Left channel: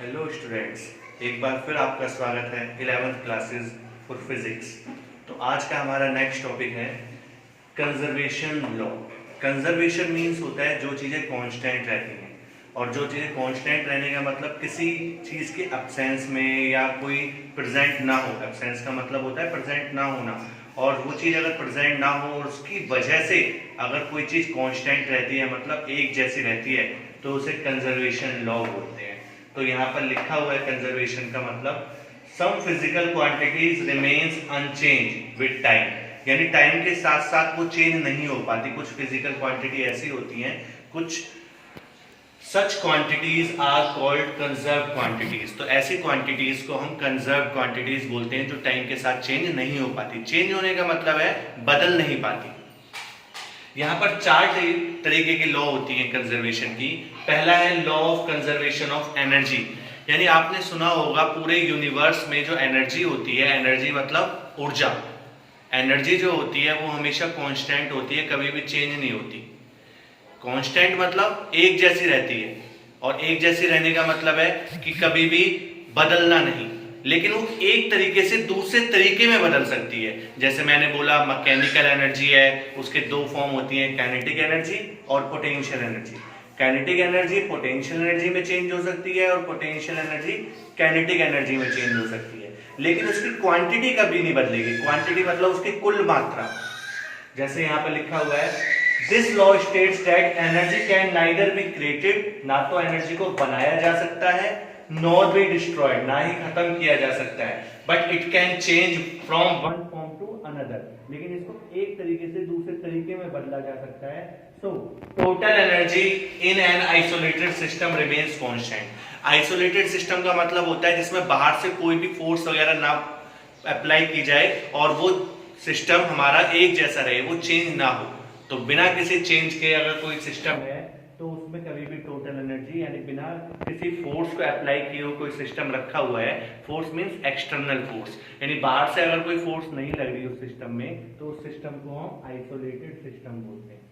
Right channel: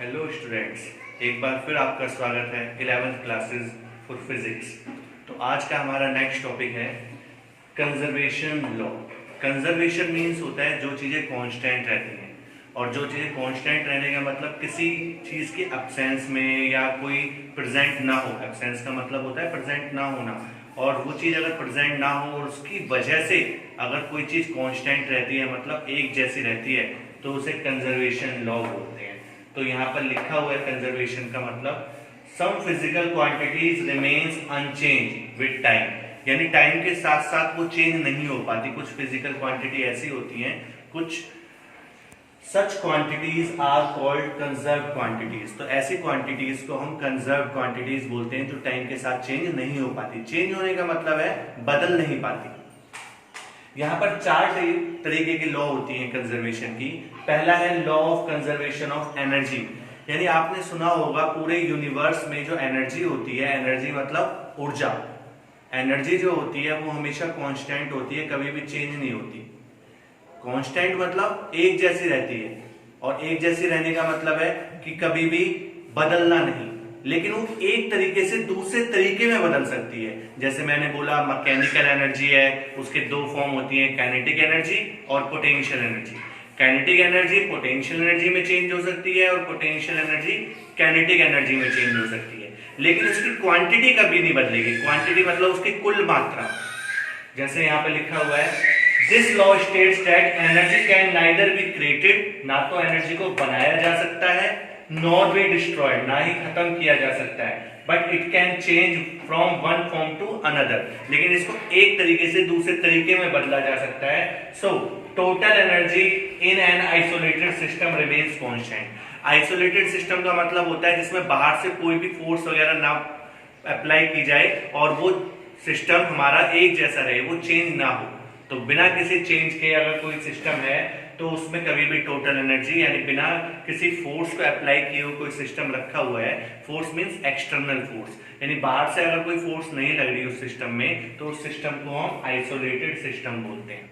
Hello students, एक बार फिर आपका स्वागत है 11th क्लासेस फॉर फिजिक्स। तो आज का हमारा नेक्स्ट टॉपिक है कंजर्वेशन लॉ। कंजर्वेशन मीन्स होता है जो चीज़ें कांस्टेंट रहती हैं, और जो चीज़ें कांस्टेंट रहने का मतलब किसी चीज़ के एब्सेंस में या कोई प्रेजेंट ना हो। एब्सेंस का मतलब होता है प्रेजेंट ना होना, और वो चीज़ अगर प्रेजेंट ना हो और उसकी वजह से अगर कोई चीज़ कांस्टेंट रहती है, मतलब एक जैसी रहती है, तो उसे कंजर्वेशन लॉ बोलते हैं। तो यहाँ पर लिखा हुआ है कंजर्वेशन का मतलब some physical quantities remains unchange with time, यानी टाइम के साथ साथ वो चेंज नहीं हो पाती। कुछ फिजिकल क्वांटिटी ऐसी होती हैं, कुछ such quantities are called conserve quantities. तो ऐसी क्वांटिटीज को हम कंजर्व क्वांटिटीज बोलते हैं जो टाइम के साथ चेंज नहीं हो पाती। चेंज होने का मतलब है बदल नहीं पाती। यहाँ पर चार तरीके की लॉ होती है कंजर्वेशन की। पहला है law of conservation of energy, यानी आपने सुना होगा पूरे यूनिवर्स में जो एनर्जी होती है, एनर्जी मतलब ऊर्जा, एनर्जी जो होती है वो हमेशा कांस्टेंट होती है, कभी भी चेंज नहीं होती। कांस्टेंट मतलब एक जैसी रहती है, और एक जैसी रहने का मतलब है कि कभी भी बदलना नहीं, लेकिन वो एक तरीके से दूसरे तरीके में बदल सकती है। जैसे मैंने बोला मैकेनिकल एनर्जी है, उसके दो फॉर्म होती हैं, काइनेटिक एनर्जी और potential energy. Kinetic energy potential energy में चेंज हो सकती है, और पोटेंशियल एनर्जी काइनेटिक एनर्जी में चेंज हो सकती है, लेकिन उसकी क्वांटिटी कभी नहीं बदलेगी। क्वांटिटी मतलब उसकी कुल मात्रा। जैसे यहाँ पे लिखा हुआ है, this law states that energy can neither be created, ना तो एनर्जी को बनाया जा सकता है, नॉर बी डिस्ट्रॉयड, ना ही खत्म किया जा सकता है, but it can change from one form to another, लेकिन इसको एक तरीके से दूसरे तरीके में बदला जा सकता है। So total energy in an isolated system remains constant. Isolated system का मतलब होता है जिसमें बाहर से कोई भी फोर्स वगैरह ना अप्लाई की जाए और वो सिस्टम हमारा एक जैसा रहे, वो चेंज ना हो। तो बिना किसी चेंज के अगर कोई सिस्टम है तो उसमें कभी भी टोटल एनर्जी, यानी बिना किसी फोर्स को अप्लाई किए हुए कोई सिस्टम रखा हुआ है। फोर्स मींस एक्सटर्नल फोर्स, यानी बाहर से अगर कोई फोर्स नहीं लग रही उस सिस्टम में, तो उस सिस्टम को हम आइसोलेटेड सिस्टम बोलते हैं।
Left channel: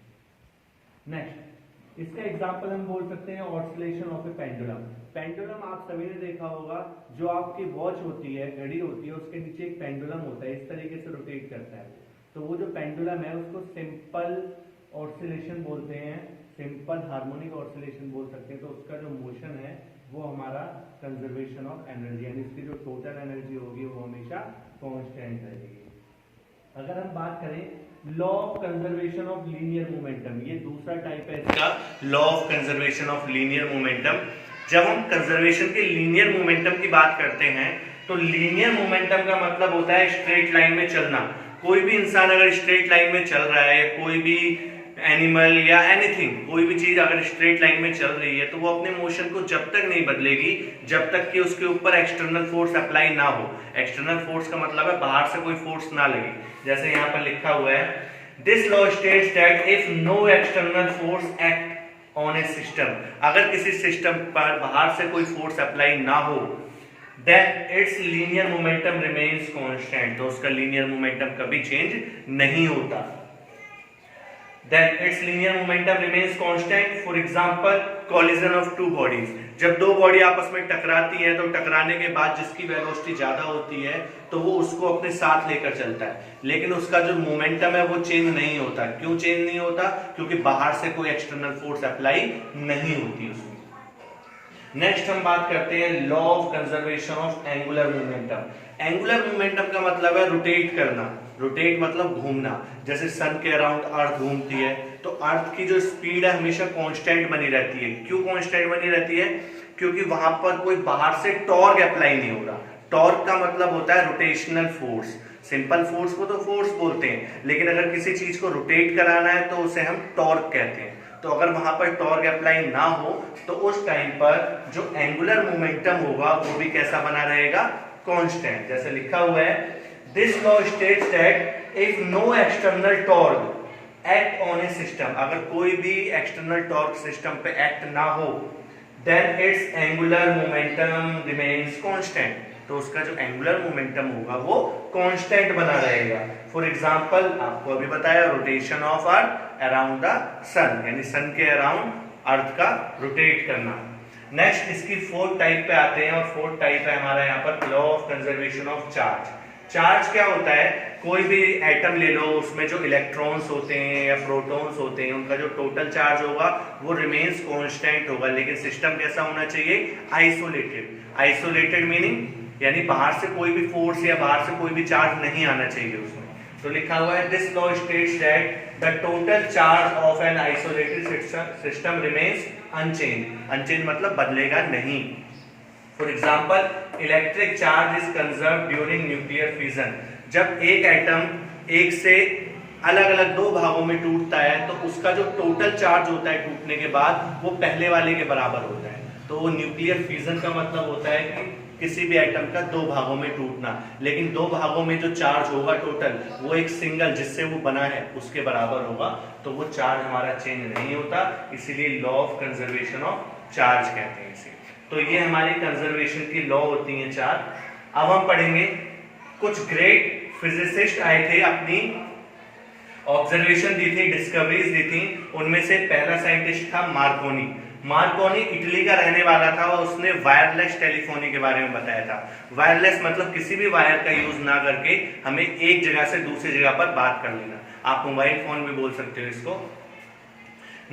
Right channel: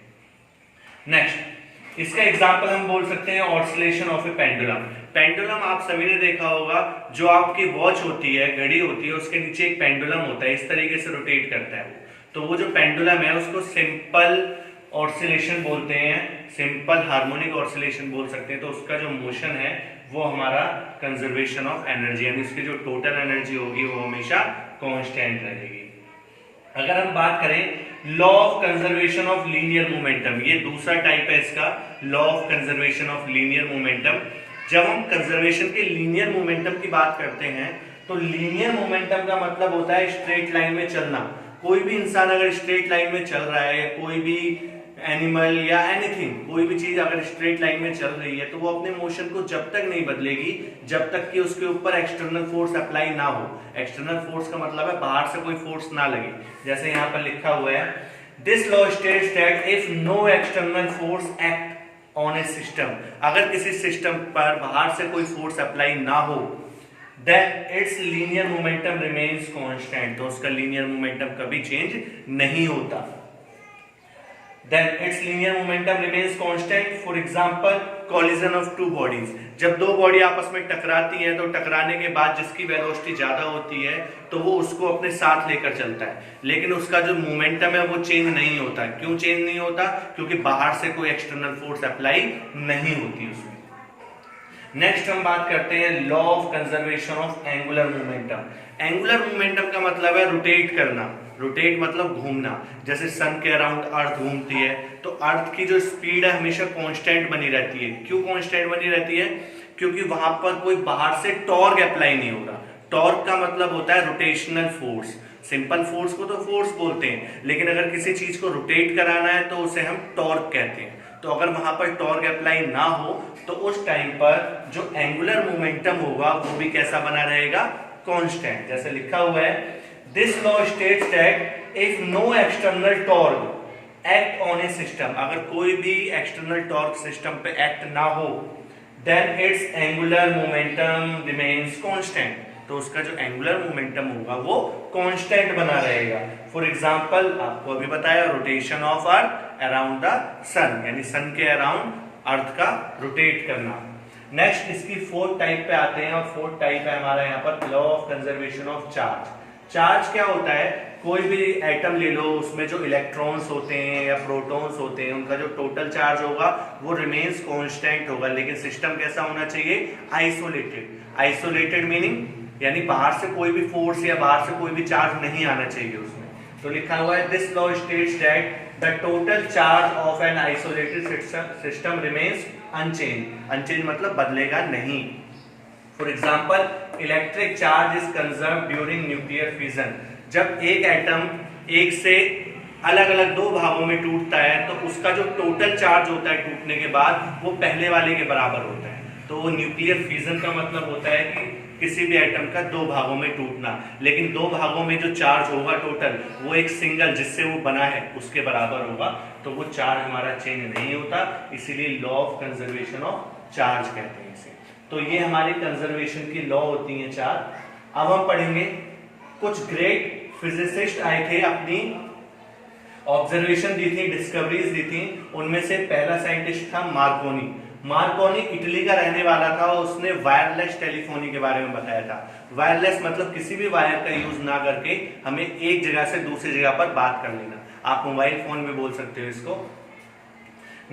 नेक्स्ट, इसका एग्जांपल हम बोल सकते हैं oscillation of A pendulum. Pendulum आप सभी ने देखा होगा, जो आपकी वॉच होती है, घड़ी होती है, उसके नीचे एक पेंडुलम होता है, इस तरीके से रोटेट करता है वो। तो वो जो पेंडुलम है उसको सिंपल ऑसिलेशन बोलते हैं, सिंपल हार्मोनिक ऑसिलेशन बोल सकते हैं। तो उसका जो मोशन है वो हमारा कंजर्वेशन ऑफ एनर्जी, यानी उसकी जो टोटल एनर्जी होगी वो हमेशा कांस्टेंट रहेगी। अगर हम बात करें law of conservation of linear momentum, ये दूसरा टाइप है इसका, law of conservation of linear momentum. जब हम कंजर्वेशन के लीनियर मोमेंटम की बात करते हैं, तो लीनियर मोमेंटम का मतलब होता है स्ट्रेट लाइन में चलना। कोई भी इंसान अगर स्ट्रेट लाइन में चल रहा है, कोई भी एनिमल या एनीथिंग, कोई भी चीज अगर स्ट्रेट लाइन में चल रही है, तो वो अपने मोशन को जब तक नहीं बदलेगी जब तक कि उसके ऊपर एक्सटर्नल फोर्स अप्लाई ना हो। एक्सटर्नल फोर्स का मतलब है बाहर से कोई फोर्स ना लगे। जैसे यहाँ पर लिखा हुआ है, this law states that if no external force act on a system, अगर किसी सिस्टम पर बाहर से कोई फोर्स अप्लाई ना हो, then its linear momentum remains constant, तो उसका linear momentum कभी चेंज नहीं होता। Then its linear momentum remains constant. For example, collision of two bodies. जब दो बॉडी आपस में टकराती है, तो टकराने के बाद जिसकी वेलोसिटी ज्यादा होती है तो वो उसको अपने साथ लेकर चलता है, लेकिन उसका जो मोमेंटम है वो चेंज नहीं होता। क्यों चेंज नहीं होता? क्योंकि बाहर से कोई एक्सटर्नल फोर्स अप्लाई नहीं होती उसमें। नेक्स्ट हम बात करते हैं law of conservation of angular momentum. Angular momentum का मतलब है रोटेट करना। रोटेट मतलब घूमना। जैसे सन के अराउंड अर्थ घूमती है, तो अर्थ की जो स्पीड है हमेशा कांस्टेंट बनी रहती है। क्यों कांस्टेंट बनी रहती है? क्योंकि वहां पर कोई बाहर से टॉर्क अप्लाई नहीं हो रहा। टॉर्क का मतलब होता है रोटेशनल फोर्स। सिंपल फोर्स को तो फोर्स बोलते हैं, लेकिन अगर किसी चीज को रोटेट कराना है तो उसे हम टॉर्क कहते हैं। तो अगर वहां पर टॉर्क अप्लाई ना हो तो उस टाइम पर जो एंगुलर मोमेंटम होगा वो भी कैसा बना रहेगा? कांस्टेंट। जैसे लिखा हुआ है, this law states that if no external torque act on a system, अगर कोई भी एक्सटर्नल टॉर्क सिस्टम पे एक्ट ना हो, then its angular momentum remains constant, तो उसका जो एंगुलर मोमेंटम होगा वो कांस्टेंट बना रहेगा। फॉर एग्जांपल, आपको अभी बताया rotation of earth around the sun, यानी सन के अराउंड अर्थ का रोटेट करना। नेक्स्ट इसकी फोर्थ टाइप पे आते हैं, और फोर्थ टाइप है हमारा यहाँ पर law of conservation of charge. Charge क्या होता है, कोई भी एटम ले लो, उसमें जो इलेक्ट्रॉन्स होते हैं या प्रोटॉन्स होते हैं, उनका जो टोटल चार्ज होगा वो रिमेन्स कांस्टेंट होगा, लेकिन सिस्टम कैसा होना चाहिए, आइसोलेटेड। आइसोलेटेड मीनिंग यानी बाहर से कोई भी फोर्स या बाहर से कोई भी चार्ज नहीं आना चाहिए उसमें। तो लिखा हुआ है this law states that the total charge of an isolated system remains unchange. Unchange मतलब बदलेगा नहीं। For example electric charge is conserve during nuclear fission. जब एक एटम एक से अलग अलग दो भागों में टूटता है तो उसका जो टोटल चार्ज होता है टूटने के बाद वो पहले वाले के बराबर होता है। तो न्यूक्लियर फिजन का मतलब होता है कि किसी भी एटम का दो भागों में टूटना, लेकिन दो भागों में जो चार्ज होगा टोटल वो एक सिंगल जिससे वो बना है उसके बराबर होगा, तो वो चार्ज हमारा चेंज नहीं होता, इसीलिए law of conservation of charge कहते हैं इसे। तो ये हमारी कंजर्वेशन की लॉ होती है चार। अब हम पढ़ेंगे कुछ ग्रेट फिजिसिस्ट आए थे, अपनी ऑब्जर्वेशन दी थी, डिस्कवरीज दी थी। उनमें से पहला साइंटिस्ट था मार्कोनी। मार्कोनी इटली का रहने वाला था और उसने वायरलेस टेलीफोनी के बारे में बताया था। वायरलेस मतलब किसी भी वायर का यूज ना करके हमें एक जगह से दूसरी जगह पर बात कर लेना। आप मोबाइल फोन में बोल सकते हो इसको।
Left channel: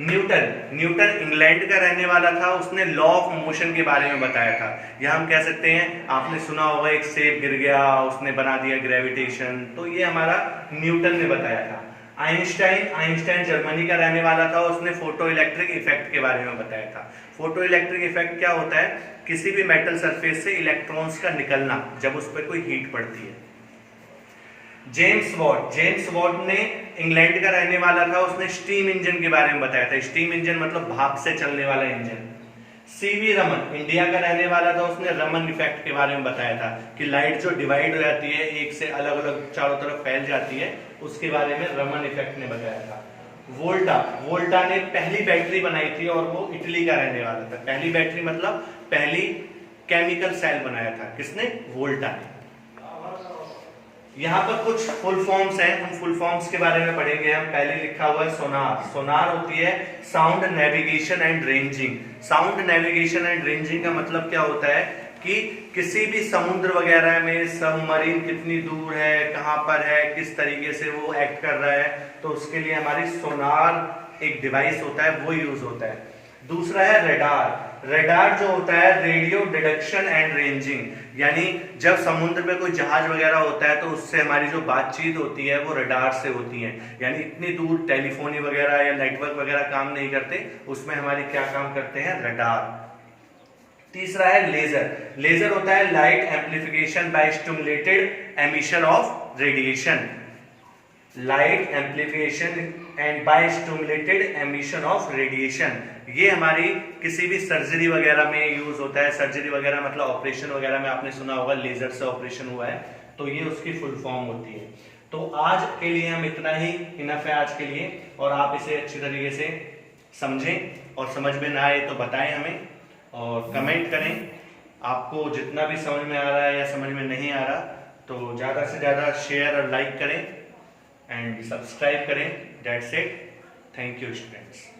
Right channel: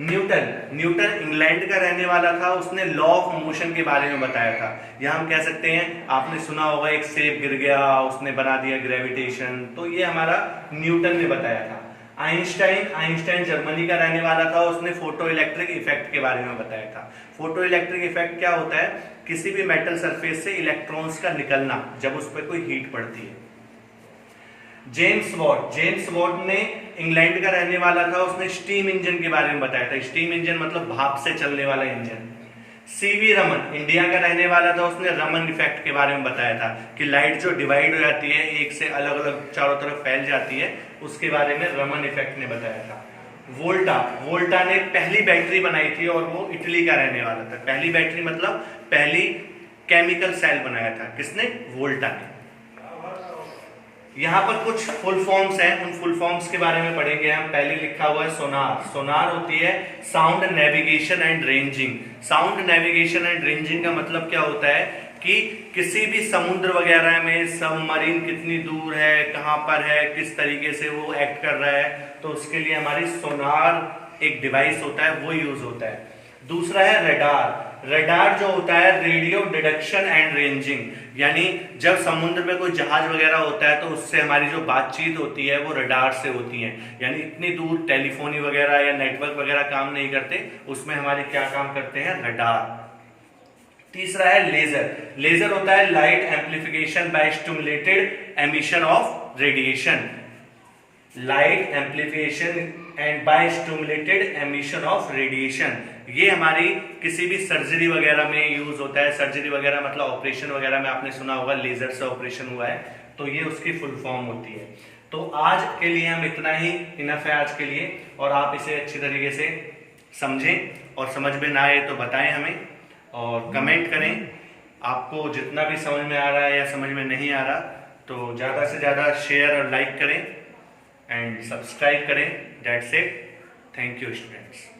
न्यूटन इंग्लैंड का रहने वाला था, उसने लॉ ऑफ मोशन के बारे में बताया था। या हम कह सकते हैं, आपने सुना होगा एक सेब गिर गया, उसने बना दिया ग्रेविटेशन, तो ये हमारा न्यूटन ने बताया था। आइंस्टाइन जर्मनी का रहने वाला था, उसने फोटो इलेक्ट्रिक इफेक्ट के बारे में बताया था। फोटो इलेक्ट्रिक इफेक्ट क्या होता है, किसी भी मेटल सरफेस से इलेक्ट्रॉन्स का निकलना जब उस पर कोई हीट पड़ती है। जेम्स वॉट ने इंग्लैंड का रहने वाला था, उसने स्टीम इंजन के बारे में बताया था। स्टीम इंजन मतलब भाप से चलने वाला इंजन। सीवी रमन इंडिया का रहने वाला था, उसने रमन इफेक्ट के बारे में बताया था कि लाइट जो डिवाइड हो जाती है, एक से अलग अलग चारों तरफ फैल जाती है, उसके बारे में रमन इफेक्ट ने बताया था। वोल्टा ने पहली बैटरी बनाई थी और वो इटली का रहने वाला था। पहली बैटरी मतलब पहली केमिकल सेल बनाया था, किसने, वोल्टा ने। यहाँ पर कुछ फुल फॉर्म्स हैं, उन फुल फॉर्म्स के बारे में पढ़ेंगे हम। पहले लिखा हुआ है सोनार। सोनार होती है sound navigation and ranging. Sound navigation and ranging का मतलब क्या होता है कि किसी भी समुद्र वगैरह में सबमरीन कितनी दूर है, कहां पर है, किस तरीके से वो एक्ट कर रहा है, तो उसके लिए हमारी सोनार एक डिवाइस होता है, वो यूज होता है। दूसरा है रडार। रडार जो होता है रेडियो डिटेक्शन एंड रेंजिंग, यानी जब समुद्र में कोई जहाज वगैरह होता है तो उससे हमारी जो बातचीत होती है वो रडार से होती है। यानी इतनी दूर टेलीफोनी वगैरह या नेटवर्क वगैरह काम नहीं करते, उसमें हमारे क्या काम करते हैं, रडार। तीसरा है लेजर। लेजर होता है light amplification by stimulated emission of radiation. Light amplification and by stimulated emission of radiation, ये हमारी किसी भी सर्जरी वगैरह में यूज होता है। सर्जरी वगैरह मतलब ऑपरेशन वगैरह में आपने सुना होगा लेजर से ऑपरेशन हुआ है, तो ये उसकी फुल फॉर्म होती है। तो आज के लिए हम इतना ही इनफ है आज के लिए, और आप इसे अच्छी तरीके से समझें, और समझ में ना आए तो बताएं हमें और कमेंट करें। आपको जितना भी समझ में आ रहा है या समझ में नहीं आ रहा तो ज़्यादा से ज़्यादा शेयर और लाइक करें एंड सब्सक्राइब करें। That's it. Thank you students.